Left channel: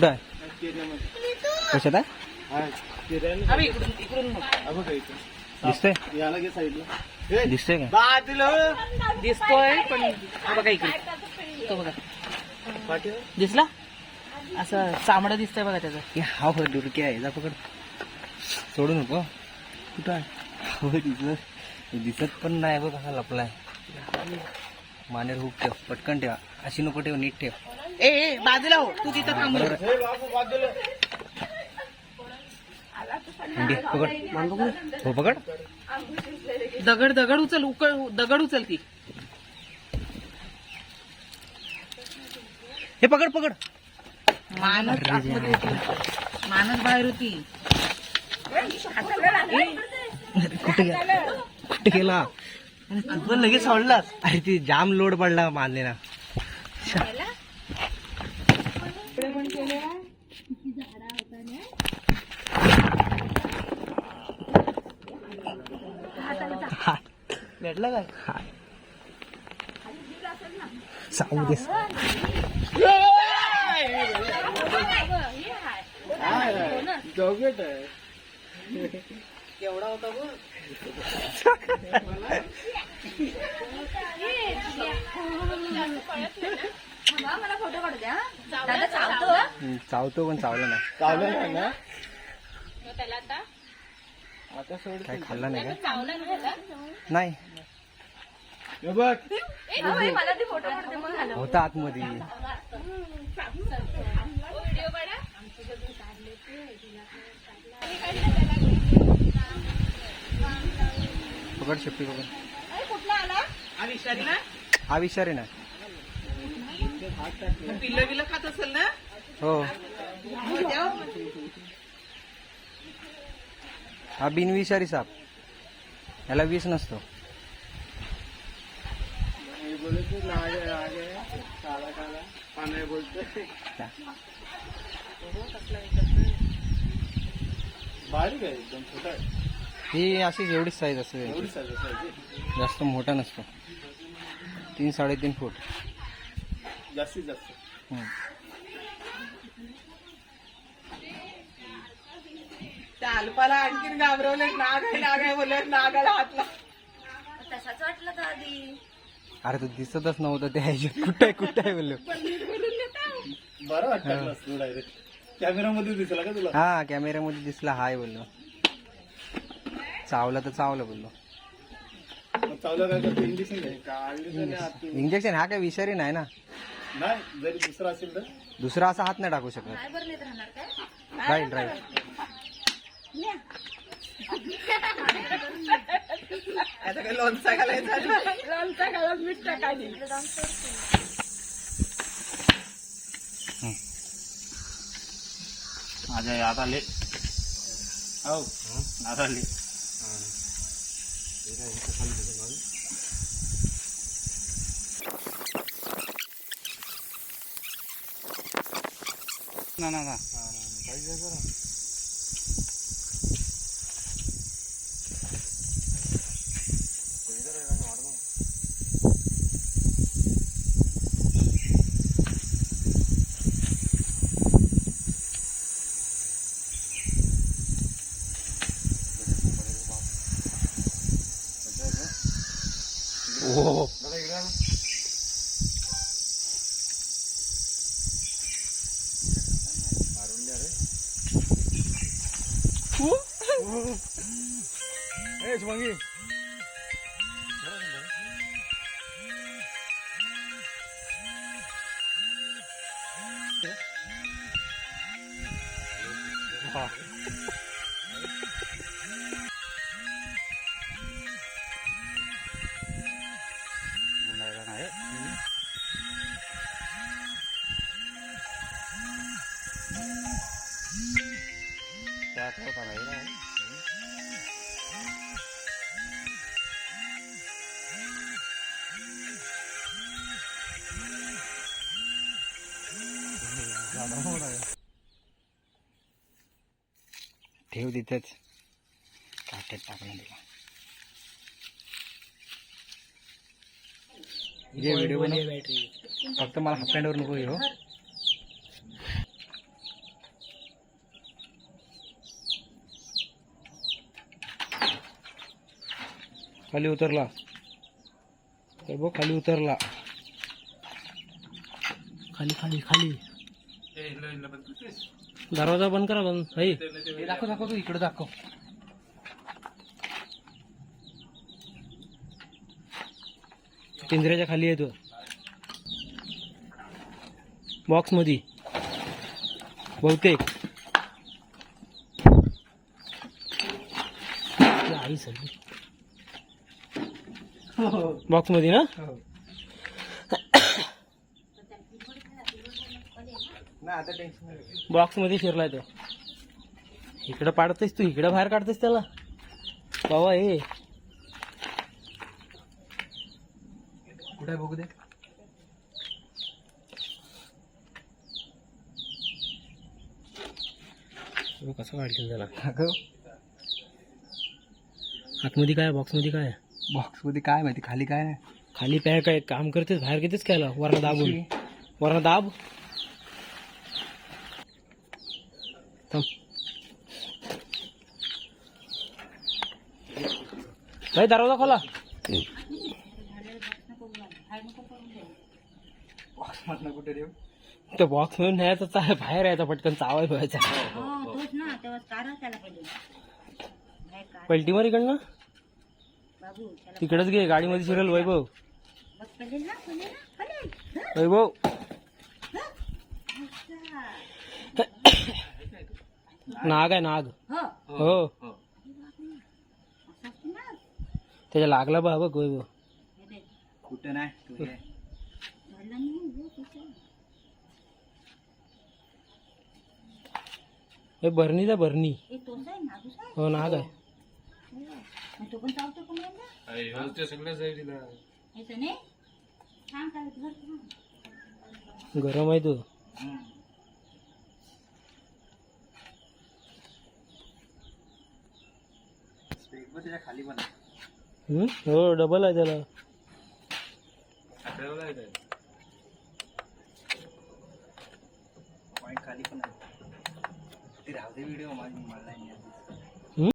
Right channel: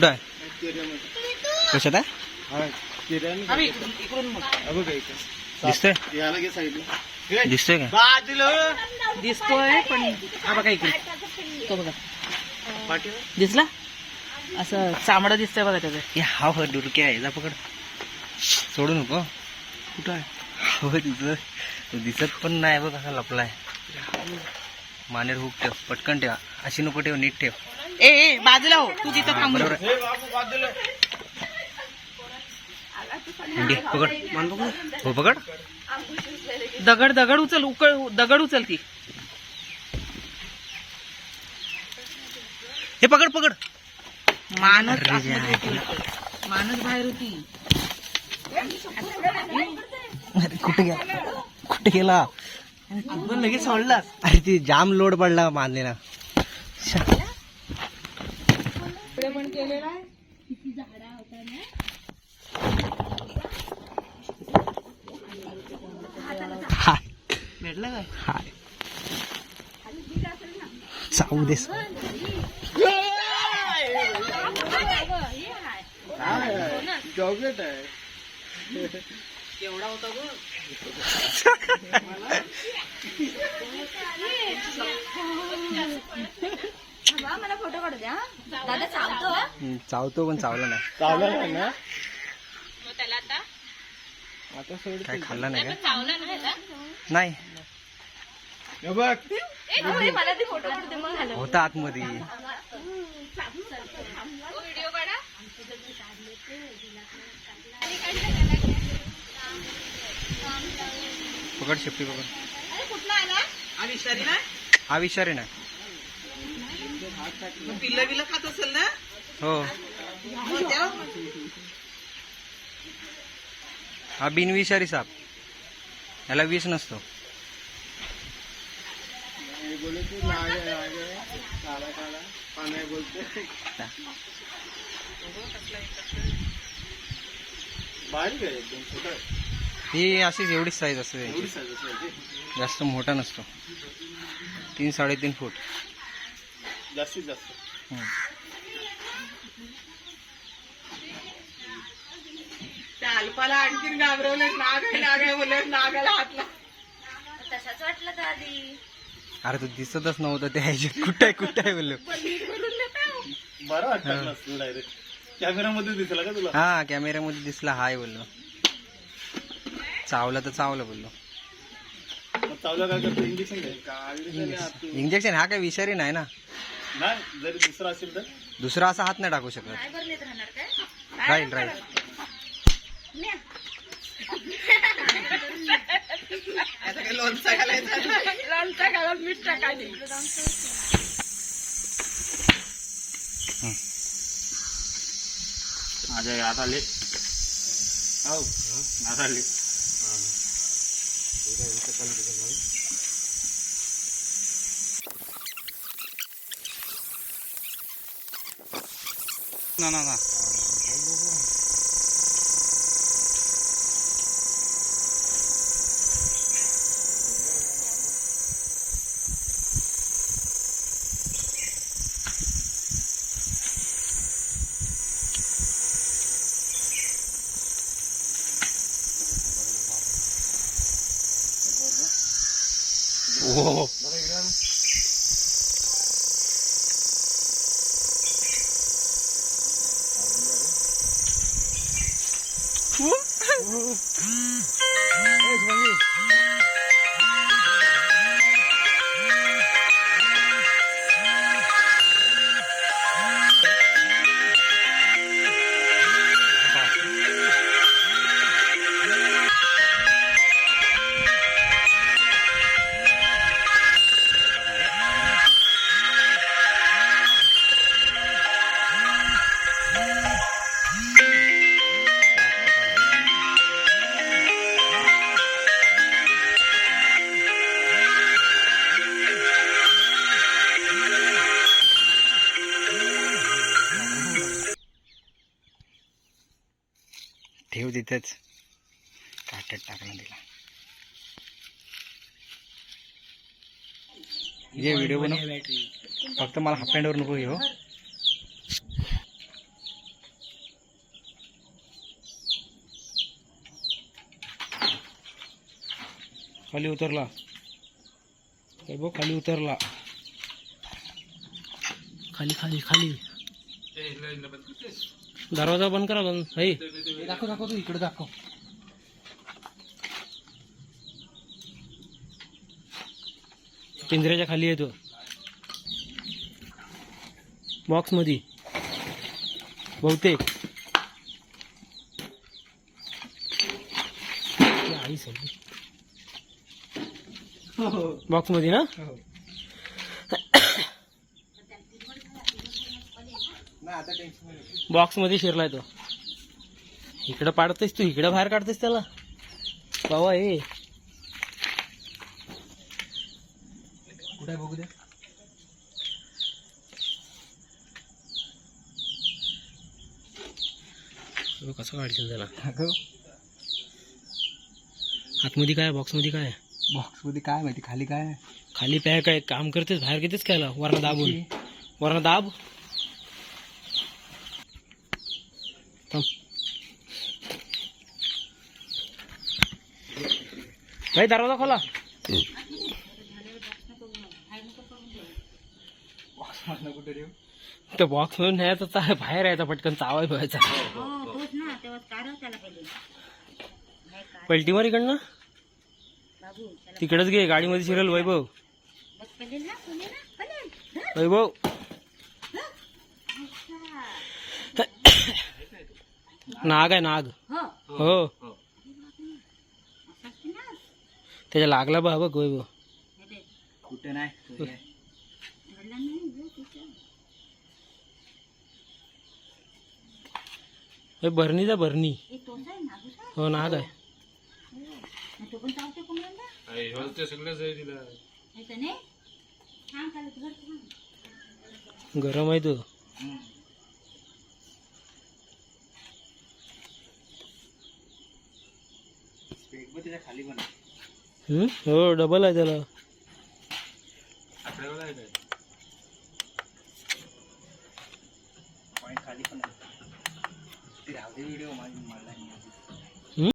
कुठं आहे? कशात आहे? दिसतंय? दिसतंय का? दिसतोय पण हा बघा इकडे. तो बघा. दिसला? असं चामडं दिसतंय बघा त्याचं. हे हा डुरके आहे. जा पकड. सोडू नको. कुठं आहे? हो दिसत दिसत पण नाही बघ कसा लपलाय. मानेर हुक ठेव. पटकन ठेवा. अशी नको ठेव नीट ठेव. ए ए बाजूला हो. तू तिथं थांब. बरोबर आहे. हे बाबू बाजूला. मुंडी, पकड. हो पकड. दगड दगड उचल उकळ दगड उचल ती. हे पकड पकड. मानस अरे आतमध्ये होती. मानस बाहेर होती. कुठे गेला? कुठे गेला? लगेच सोडलास. अरे ती जाम लोड पडला मानलेला भेटलं काय सांगू देस चॉकलेट आहे केवढा होता गो चावतो पण चावला नाही. चावलं नाही ना? आता सोड काय खाल्ला नाही का? नाही हे बघ. होता आतमध्ये. पकड शेपटी पकड. हा विचारे ना. पिल्ल बिल्ल खात असेल ना? हो. हा बिनविषारी साप याला विष नसतो. बारीक आहे एकदम छोटा. ही अशीच एवढीच साईज असते एवढी याची. size असेल जास्त मोठा नसतो. तीन साडेतीन फूट. जास्तीत जास्त. हम्म. अल्पाला आणखीन घाबरवलं नाग आहे नाग आहे बोलत नागाला हातला अरे तू दिसतच नव्हतं त्या ह्याच्यात. कुठं आहे कुठं आहे बोललो बरं वाटतं डायरेक्ट कॅमेरामध्ये दिसला का तुला? हा कॅमेऱ्यामध्ये दिसला. हाय बोललो. चावलं तर चावलं बोललो. चावलं काय करतो इंजेक्शन घे. का इंजेक्शन हात इंजेक्शन हा काय विषारी नाही ना. नाही जरी दुसरा असेल तर. दुसरा असा हात नाही टाकू शकत. राहील राहील. आता लोणचा घालायचा लोणचा मीठ टाकायची माझ्या आता ले हो आता ले ना ना ना. 오. 오. 오. 에, 조망이. ठेवू तिथेच काट्यात टाकला तिला जे व्हिडिओ बनव फक्त मला हाफ हँडवर नको घेऊ खाली उतरला तर बघ खाली उतरला खाली खाली खाली दरवाजा बंद करा बंद हे दाखव दाखव तू इकडे दाखव. पिंजऱ्याच्या खाली आहे तो. बॉक्समध्ये बहुतेक. बॉक्समध्ये ना? ना आता टेन्शन नाही. बॉक्समध्ये शिरलाय तो. इकडं पाडतेस तू इकडं बाहेर काढतेस त्याला. बाबा ए. कुठे बघू दे. कसं काढशील त्याला. आतमध्ये काय बॉक्समध्ये काय आहे? बॉक्समध्ये काय माहिती खाली काय खाली पॅक आहे. काम करतेस बाहेर घेतेस कायला वरण दाबून. वरण दाब. थांब. भाई दरवाजा खोला. बॉक्स बॉक्स मधून न्यायचा बाहेर यायचा पटकन चावाय व्हायचा पलटी मार इकडनं. तिकडच घे गाडीमध्ये शिरेल वैभव. वैभव. नाग आहे नाग. हो. त्याच्या लागला बा बघ वैभव कुठे नाही तो हे. हे भरणीचा भरणी हो नाग आहे. गरम आहे तो. हम्म. त्याच्याखाली पण हो डबल आहे त्याला